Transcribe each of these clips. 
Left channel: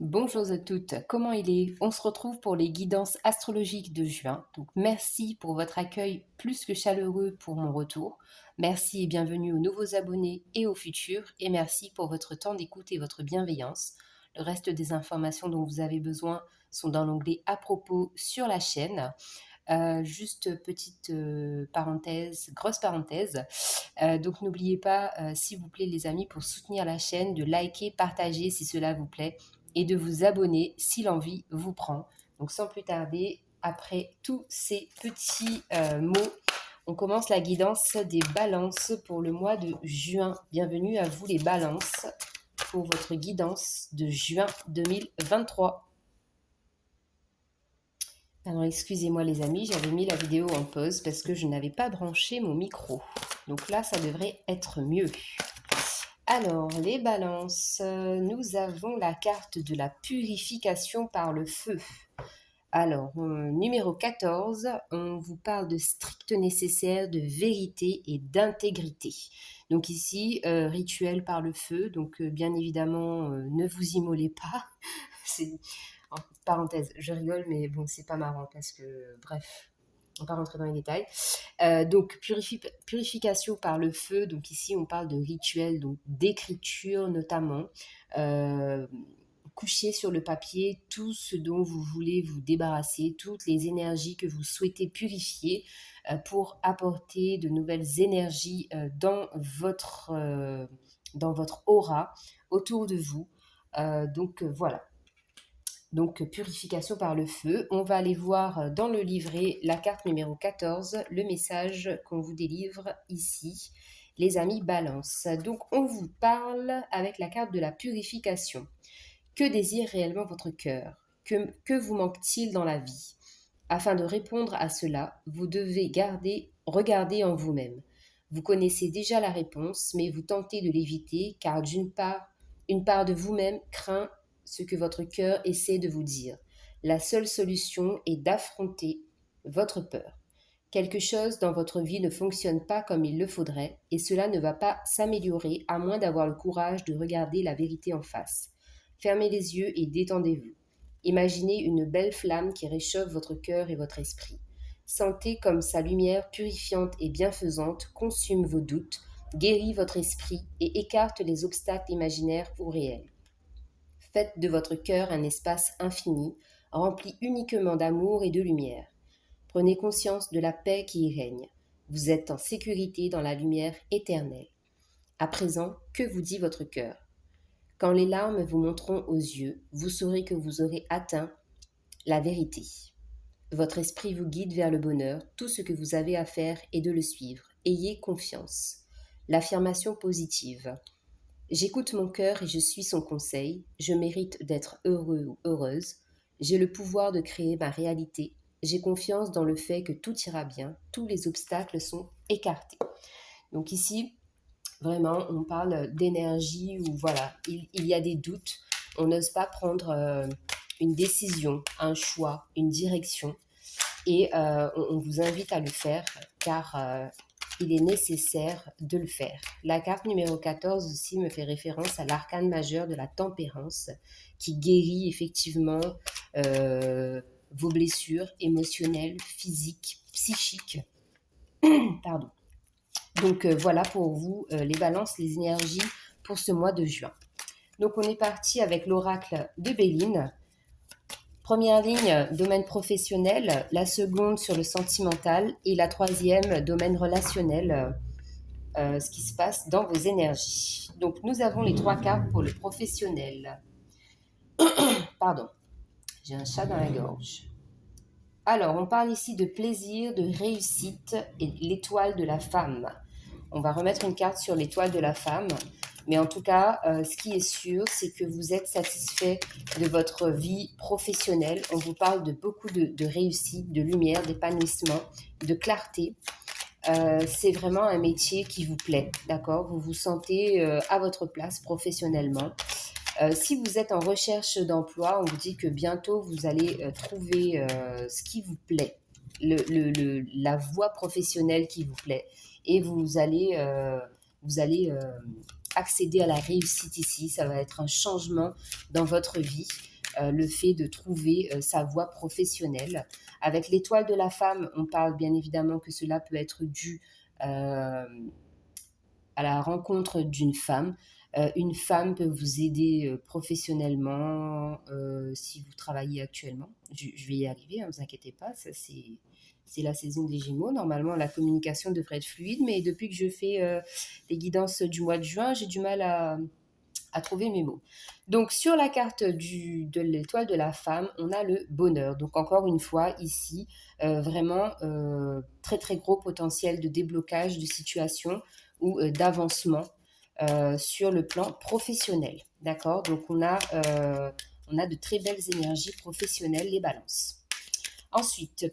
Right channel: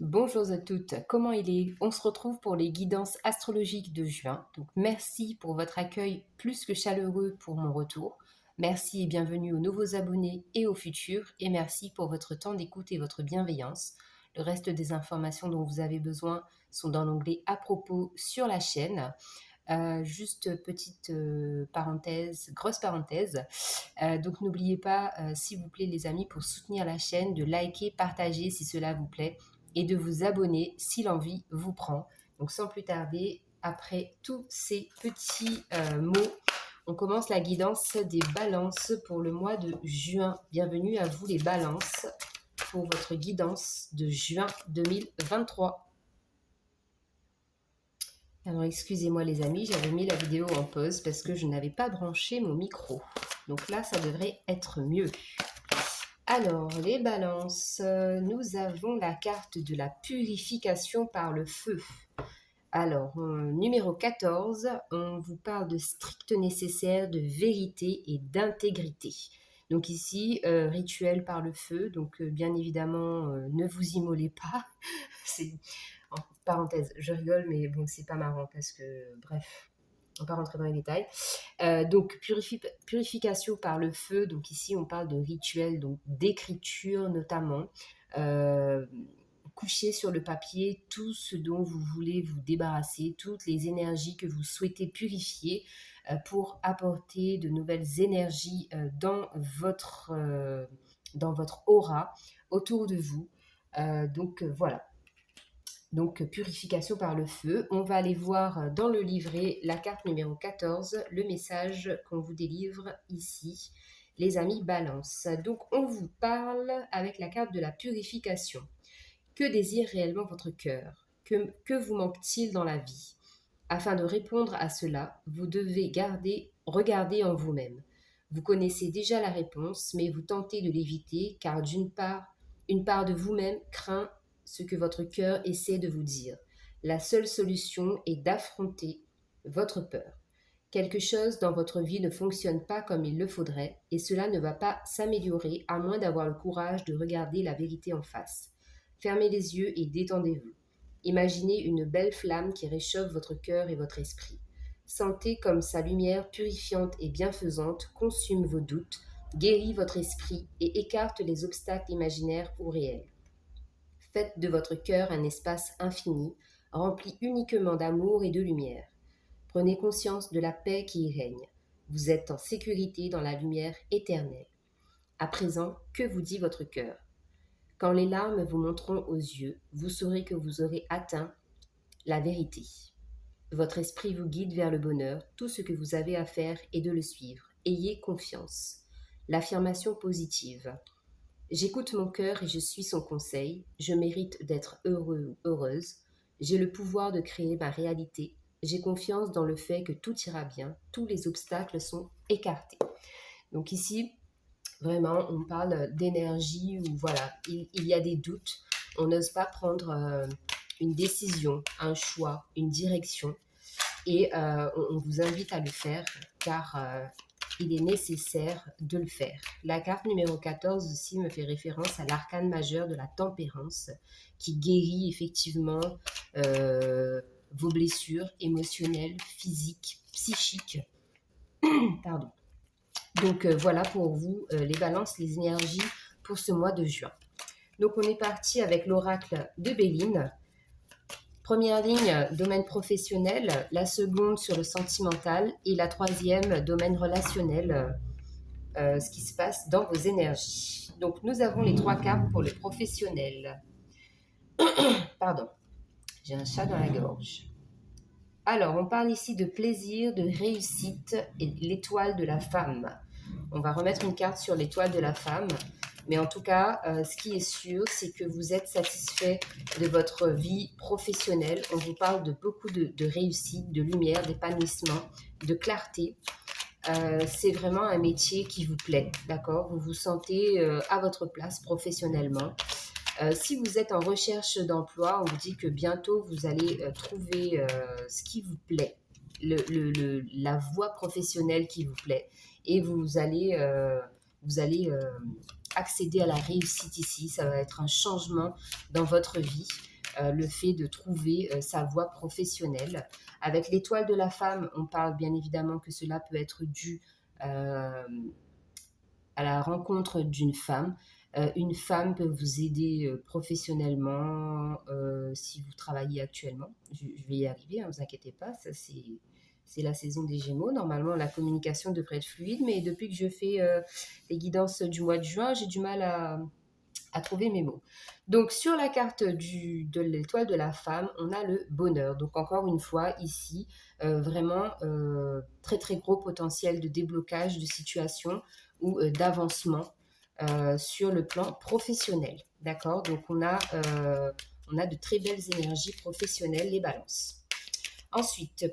Bonjour à toutes, comment il est? On se retrouve pour les guidances astrologiques de juin. Donc merci pour votre accueil plus que chaleureux pour mon retour. Merci et bienvenue aux nouveaux abonnés et aux futurs. Et merci pour votre temps d'écoute et votre bienveillance. Le reste des informations dont vous avez besoin sont dans l'onglet à propos sur la chaîne. Juste petite parenthèse, grosse parenthèse. Donc n'oubliez pas, s'il vous plaît les amis, pour soutenir la chaîne, de liker, partager si cela vous plaît et de vous abonner si l'envie vous prend. Donc sans plus tarder, après tous ces petits mots, on commence la guidance des balances pour le mois de juin. Bienvenue à vous les balances pour votre guidance de juin 2023. Alors excusez-moi les amis, j'avais mis la vidéo en pause parce que je n'avais pas branché mon micro. Donc là, ça devrait être mieux. Alors, les balances, nous avons la carte de la purification par le feu. Alors, numéro 14, on vous parle de strict nécessaire, de vérité et d'intégrité. Donc ici, rituel par le feu, donc bien évidemment, ne vous immolez pas. C'est, en parenthèse, je rigole, mais bon, c'est pas marrant parce que, bref, on va pas rentrer dans les détails. Donc, purification par le feu. Donc ici, on parle de rituel, donc d'écriture notamment. Euh, Couchez sur le papier tout ce dont vous voulez vous débarrasser, toutes les énergies que vous souhaitez purifier pour apporter de nouvelles énergies dans votre aura autour de vous. Voilà. Donc, purification par le feu. On va aller voir dans le livret la carte numéro 14, le message qu'on vous délivre ici, les amis Balance. Donc, on vous parle avec la carte de la purification. Que désire réellement votre cœur? Que vous manque-t-il dans la vie? Afin de répondre à cela, vous devez regarder en vous-même. Vous connaissez déjà la réponse, mais vous tentez de l'éviter car une part de vous-même craint ce que votre cœur essaie de vous dire. La seule solution est d'affronter votre peur. Quelque chose dans votre vie ne fonctionne pas comme il le faudrait et cela ne va pas s'améliorer à moins d'avoir le courage de regarder la vérité en face. Fermez les yeux et détendez-vous. Imaginez une belle flamme qui réchauffe votre cœur et votre esprit. Sentez comme sa lumière purifiante et bienfaisante consume vos doutes, guérit votre esprit et écarte les obstacles imaginaires ou réels. Faites de votre cœur un espace infini, rempli uniquement d'amour et de lumière. Prenez conscience de la paix qui y règne. Vous êtes en sécurité dans la lumière éternelle. À présent, que vous dit votre cœur? Quand les larmes vous monteront aux yeux, vous saurez que vous aurez atteint la vérité. Votre esprit vous guide vers le bonheur. Tout ce que vous avez à faire est de le suivre. Ayez confiance. L'affirmation positive. J'écoute mon cœur et je suis son conseil. Je mérite d'être heureux ou heureuse. J'ai le pouvoir de créer ma réalité. J'ai confiance dans le fait que tout ira bien. Tous les obstacles sont écartés. Donc ici, vraiment, on parle d'énergie où voilà, il y a des doutes. On n'ose pas prendre une décision, un choix, une direction. Et on vous invite à le faire car il est nécessaire de le faire. La carte numéro 14 aussi me fait référence à l'arcane majeur de la tempérance qui guérit effectivement vos blessures émotionnelles, physiques, psychiques. Pardon. Donc voilà pour vous les balances, les énergies pour ce mois de juin. Donc on est parti avec l'oracle de Béline. Première ligne, domaine professionnel, la seconde sur le sentimental et la troisième, domaine relationnel, ce qui se passe dans vos énergies. Donc nous avons les trois cartes pour le professionnel. Pardon, j'ai un chat dans la gorge. Alors, on parle ici de plaisir, de réussite et de l'étoile de la femme. On va remettre une carte sur l'étoile de la femme. Mais en tout cas, ce qui est sûr, c'est que vous êtes satisfait de votre vie professionnelle. On vous parle de beaucoup de réussite, de lumière, d'épanouissement, de clarté. C'est vraiment un métier qui vous plaît, d'accord? Vous vous sentez à votre place professionnellement. Si vous êtes en recherche d'emploi, on vous dit que bientôt vous allez trouver ce qui vous plaît, la voie professionnelle qui vous plaît. Et vous allez accéder à la réussite ici. Ça va être un changement dans votre vie, le fait de trouver sa voie professionnelle. Avec l'étoile de la femme, on parle bien évidemment que cela peut être dû euh, à la rencontre d'une femme. Une femme peut vous aider professionnellement si vous travaillez actuellement. Je vais y arriver, ne vous inquiétez pas, ça c'est la saison des Gémeaux. Normalement, la communication devrait être fluide, mais depuis que je fais les guidances du mois de juin, j'ai du mal à trouver mes mots. Donc, sur la carte de l'étoile de la femme, on a le bonheur. Donc, encore une fois, ici, vraiment très, très gros potentiel de déblocage de situation ou d'avancement sur le plan professionnel. D'accord. Donc, on a de très belles énergies professionnelles, les balances. Ensuite,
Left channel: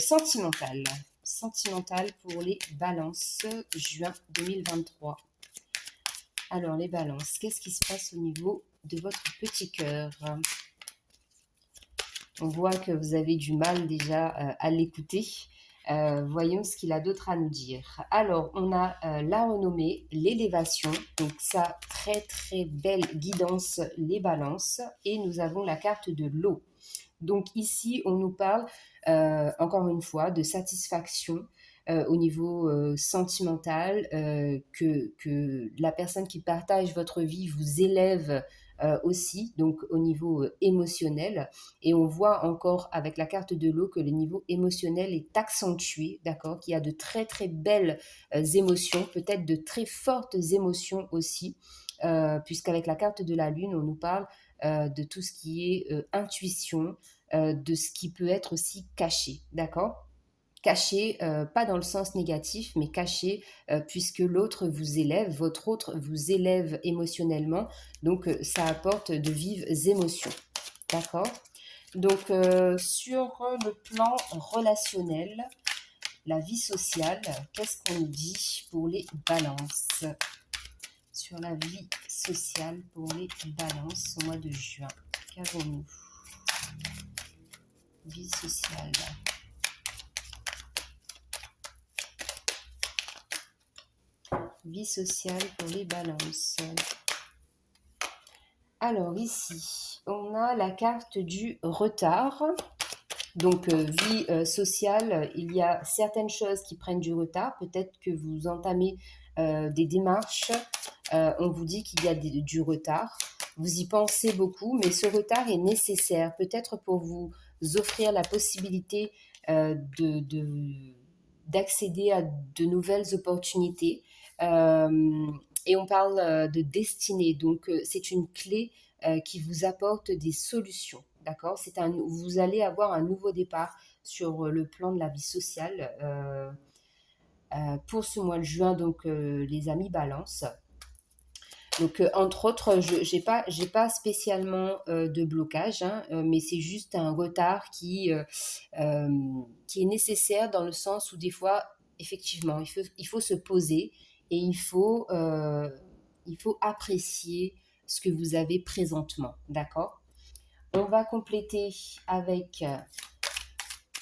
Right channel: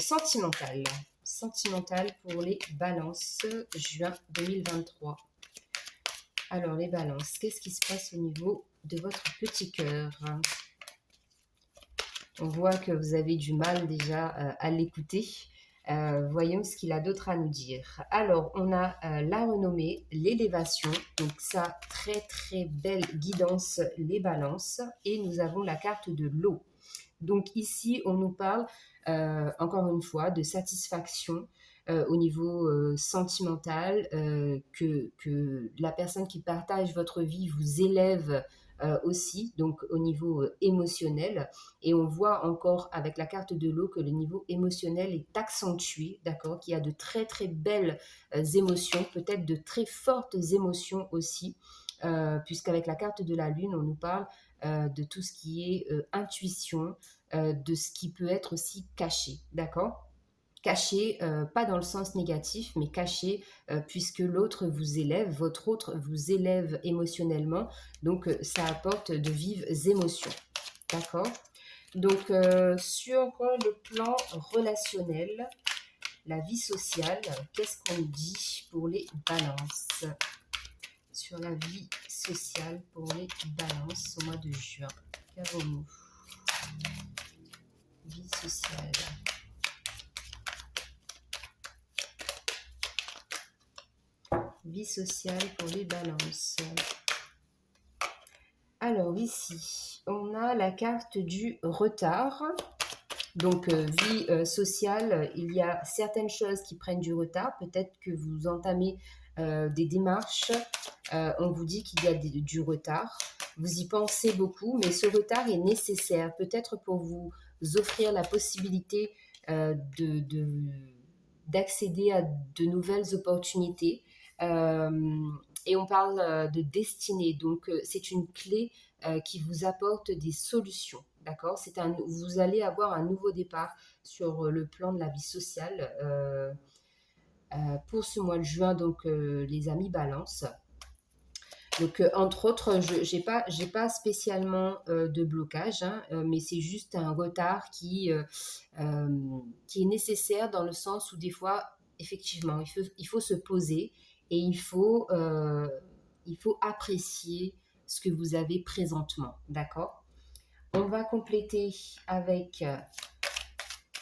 sentimental. Sentimental pour les balances, juin 2023. Alors, les balances, qu'est-ce qui se passe au niveau de votre petit cœur? On voit que vous avez du mal déjà à l'écouter. Voyons ce qu'il a d'autre à nous dire. Alors, on a la renommée, l'élévation. Donc, ça, très très belle guidance, les balances. Et nous avons la carte de l'eau. Donc, ici, on nous parle, encore une fois, de satisfaction au niveau sentimental, que la personne qui partage votre vie vous élève aussi, donc au niveau émotionnel. Et on voit encore avec la carte de l'eau que le niveau émotionnel est accentué, d'accord, qu'il y a de très très belles émotions, peut-être de très fortes émotions aussi, puisqu'avec la carte de la lune, on nous parle de tout ce qui est intuition, de ce qui peut être aussi caché, d'accord? Caché, pas dans le sens négatif, mais caché, puisque l'autre vous élève, votre autre vous élève émotionnellement, donc ça apporte de vives émotions, d'accord? Donc sur le plan relationnel, la vie sociale, qu'est-ce qu'on dit pour les balances? Sur la vie sociale pour les balances au mois de juin, qu'avons-nous? Vie sociale. Vie sociale pour les balances. Alors ici, on a la carte du retard. Donc vie sociale, il y a certaines choses qui prennent du retard. Peut-être que vous entamez des démarches. On vous dit qu'il y a du retard. Vous y pensez beaucoup, mais ce retard est nécessaire. Peut-être pour vous offrir la possibilité d'accéder à de nouvelles opportunités. Et on parle de destinée. Donc, c'est une clé qui vous apporte des solutions. D'accord? Vous allez avoir un nouveau départ sur le plan de la vie sociale pour ce mois de juin, donc les amis balance. Donc, entre autres, je n'ai pas spécialement de blocage, hein, mais c'est juste un retard qui est nécessaire dans le sens où des fois, effectivement, il faut se poser et il faut apprécier ce que vous avez présentement. D'accord? On va compléter avec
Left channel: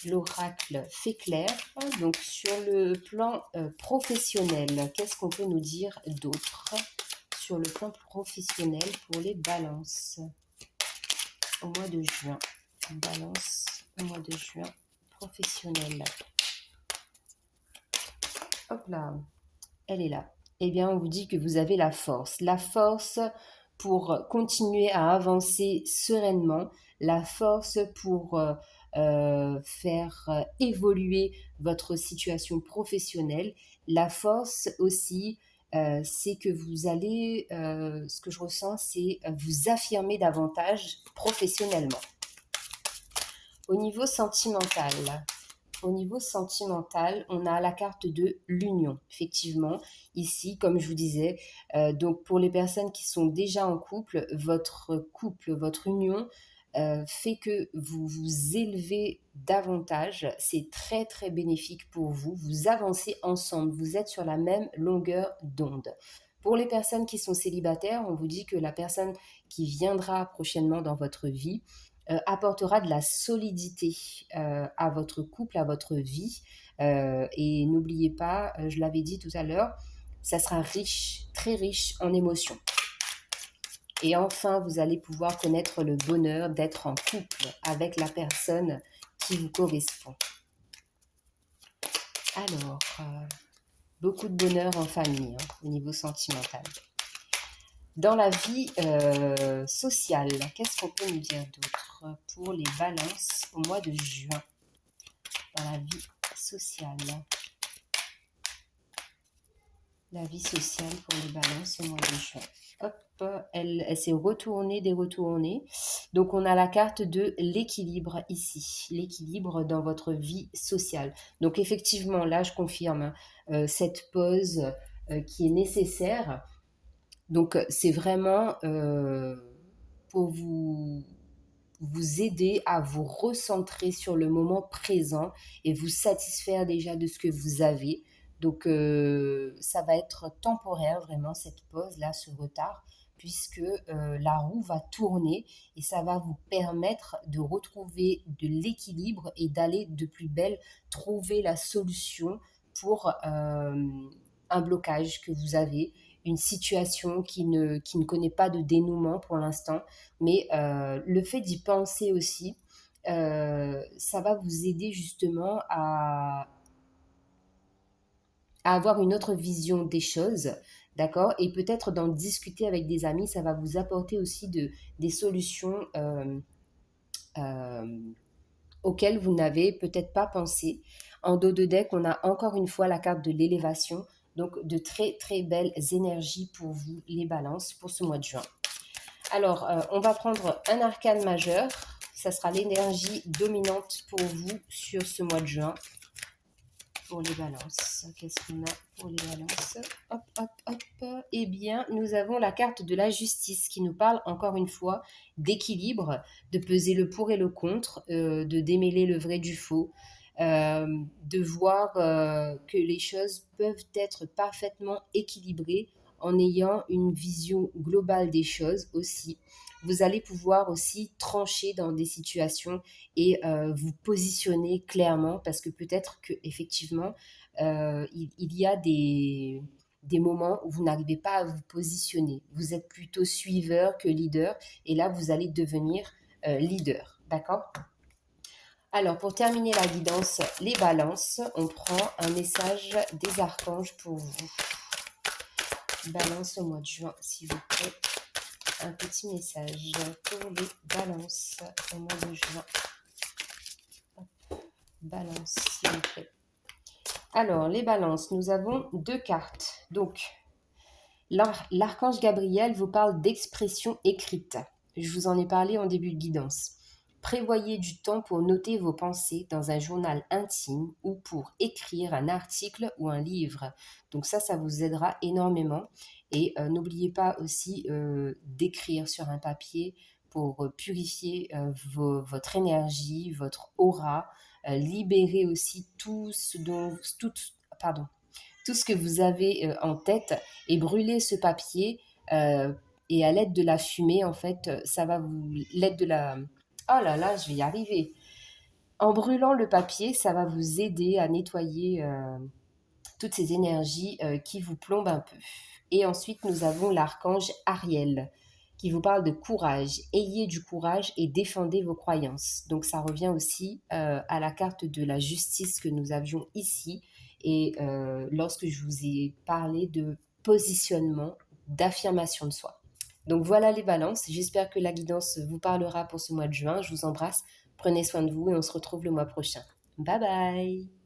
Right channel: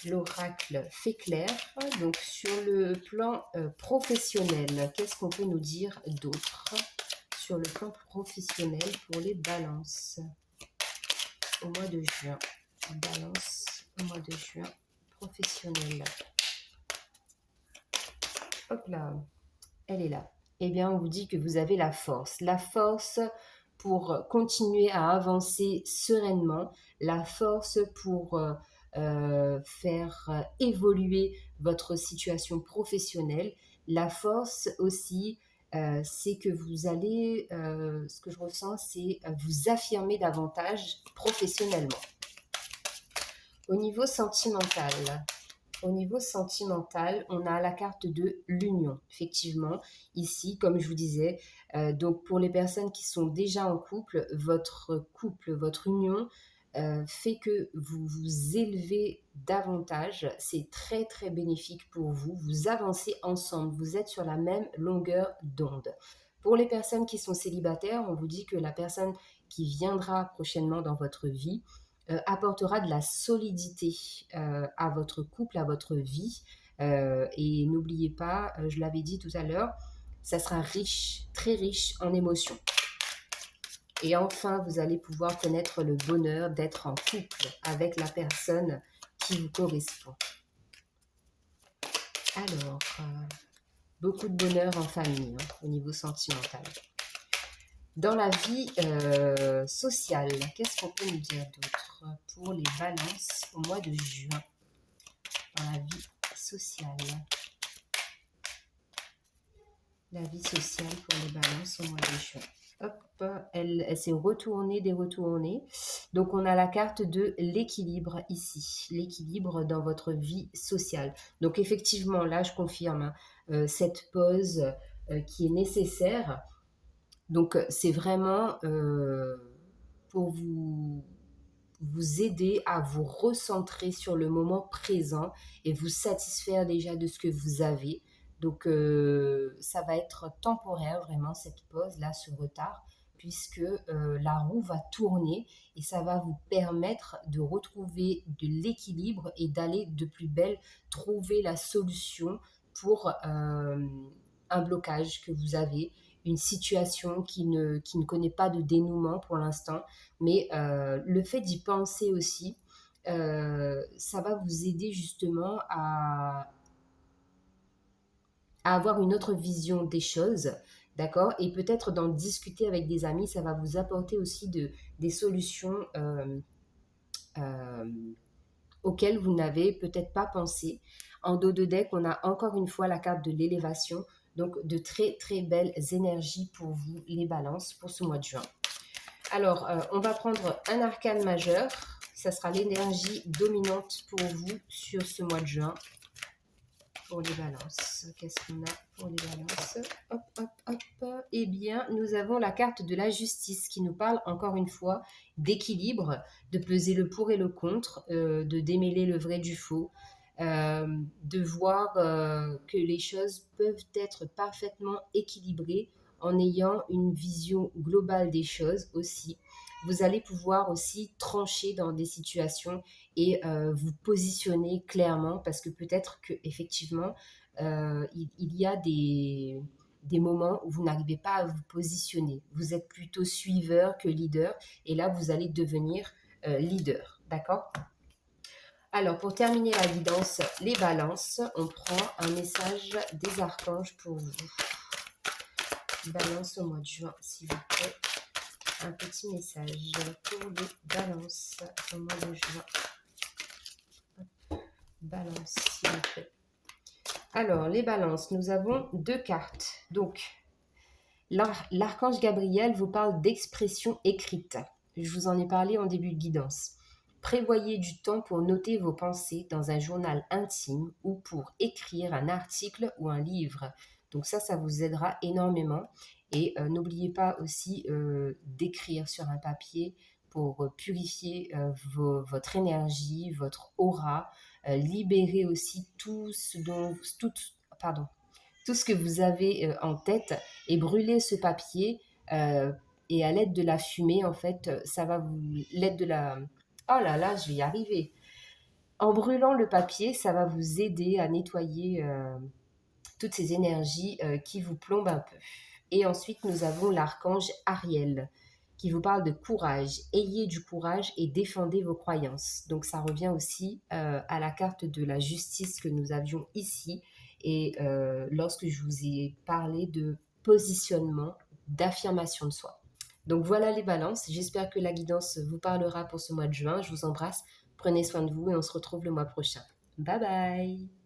l'oracle fait clair. Donc, sur le plan professionnel, qu'est-ce qu'on peut nous dire d'autre? Sur le plan professionnel pour les balances au mois de juin. Balance au mois de juin professionnel. Hop là, elle est là. Eh bien, on vous dit que vous avez la force. La force pour continuer à avancer sereinement. La force pour faire évoluer votre situation professionnelle. La force aussi, c'est que vous allez, ce que je ressens, c'est vous affirmer davantage professionnellement. Au niveau sentimental, on a la carte de l'union. Effectivement, ici, comme je vous disais, donc pour les personnes qui sont déjà en couple, votre union fait que vous vous élevez davantage. C'est très, très bénéfique pour vous. Vous avancez ensemble. Vous êtes sur la même longueur d'onde. Pour les personnes qui sont célibataires, on vous dit que la personne qui viendra prochainement dans votre vie apportera de la solidité à votre couple, à votre vie. Et n'oubliez pas, je l'avais dit tout à l'heure, ça sera riche, très riche en émotions. Et enfin, vous allez pouvoir connaître le bonheur d'être en couple avec la personne qui vous correspond. Alors, beaucoup de bonheur en famille, hein, au niveau sentimental. Dans la vie sociale, qu'est-ce qu'on peut nous dire d'autre pour les balances au mois de juin? Dans la vie sociale. La vie sociale pour les balances au mois de juin. Hop, elle s'est retournée, déretournée. Donc, on a la carte de l'équilibre ici. L'équilibre dans votre vie sociale. Donc, effectivement, là, je confirme cette pause qui est nécessaire. Donc, c'est vraiment pour vous aider à vous recentrer sur le moment présent et vous satisfaire déjà de ce que vous avez. Donc, ça va être temporaire, vraiment, cette pause-là, ce retard, puisque la roue va tourner et ça va vous permettre de retrouver de l'équilibre et d'aller de plus belle trouver la solution pour un blocage que vous avez, une situation qui ne connaît pas de dénouement pour l'instant, mais le fait d'y penser aussi, ça va vous aider justement à avoir une autre vision des choses, d'accord? Et peut-être d'en discuter avec des amis, ça va vous apporter aussi des solutions auxquelles vous n'avez peut-être pas pensé. En dos de deck, on a encore une fois la carte de l'élévation, donc de très très belles énergies pour vous, les balances, pour ce mois de juin. Alors, on va prendre un arcane majeur. Ça sera l'énergie dominante pour vous sur ce mois de juin. Pour les balances. Qu'est-ce qu'on a pour les balances? Hop, hop, hop. Eh bien, nous avons la carte de la justice qui nous parle encore une fois d'équilibre, de peser le pour et le contre, de démêler le vrai du faux, de voir que les choses peuvent être parfaitement équilibrées en ayant une vision globale des choses aussi. Vous allez pouvoir aussi trancher dans des situations et vous positionner clairement parce que peut-être qu'effectivement, il y a des moments où vous n'arrivez pas à vous positionner. Vous êtes plutôt suiveur que leader et là, vous allez devenir leader. D'accord? Alors, pour terminer la guidance, les balances, on prend un message des archanges pour vous. Balance au mois de juin, s'il vous plaît. Un petit message pour les balances au mois de juin. Balance, s'il vous plaît. Alors, les balances, nous avons deux cartes. Donc, l'archange Gabriel vous parle d'expression écrite. Je vous en ai parlé en début de guidance. Prévoyez du temps pour noter vos pensées dans un journal intime ou pour écrire un article ou un livre. Donc ça vous aidera énormément. Et n'oubliez pas aussi d'écrire sur un papier pour purifier votre énergie, votre aura, libérer aussi tout ce que vous avez en tête et brûler ce papier et à l'aide de la fumée, en fait, ça va vous... L'aide de la... Oh là là, je vais y arriver. En brûlant le papier, ça va vous aider à nettoyer toutes ces énergies qui vous plombent un peu. Et ensuite, nous avons l'archange Ariel qui vous parle de courage. Ayez du courage et défendez vos croyances. Donc ça revient aussi à la carte de la justice que nous avions ici. Et lorsque je vous ai parlé de positionnement, d'affirmation de soi. Donc voilà les balances. J'espère que la guidance vous parlera pour ce mois de juin. Je vous embrasse. Prenez soin de vous et on se retrouve le mois prochain. Bye bye!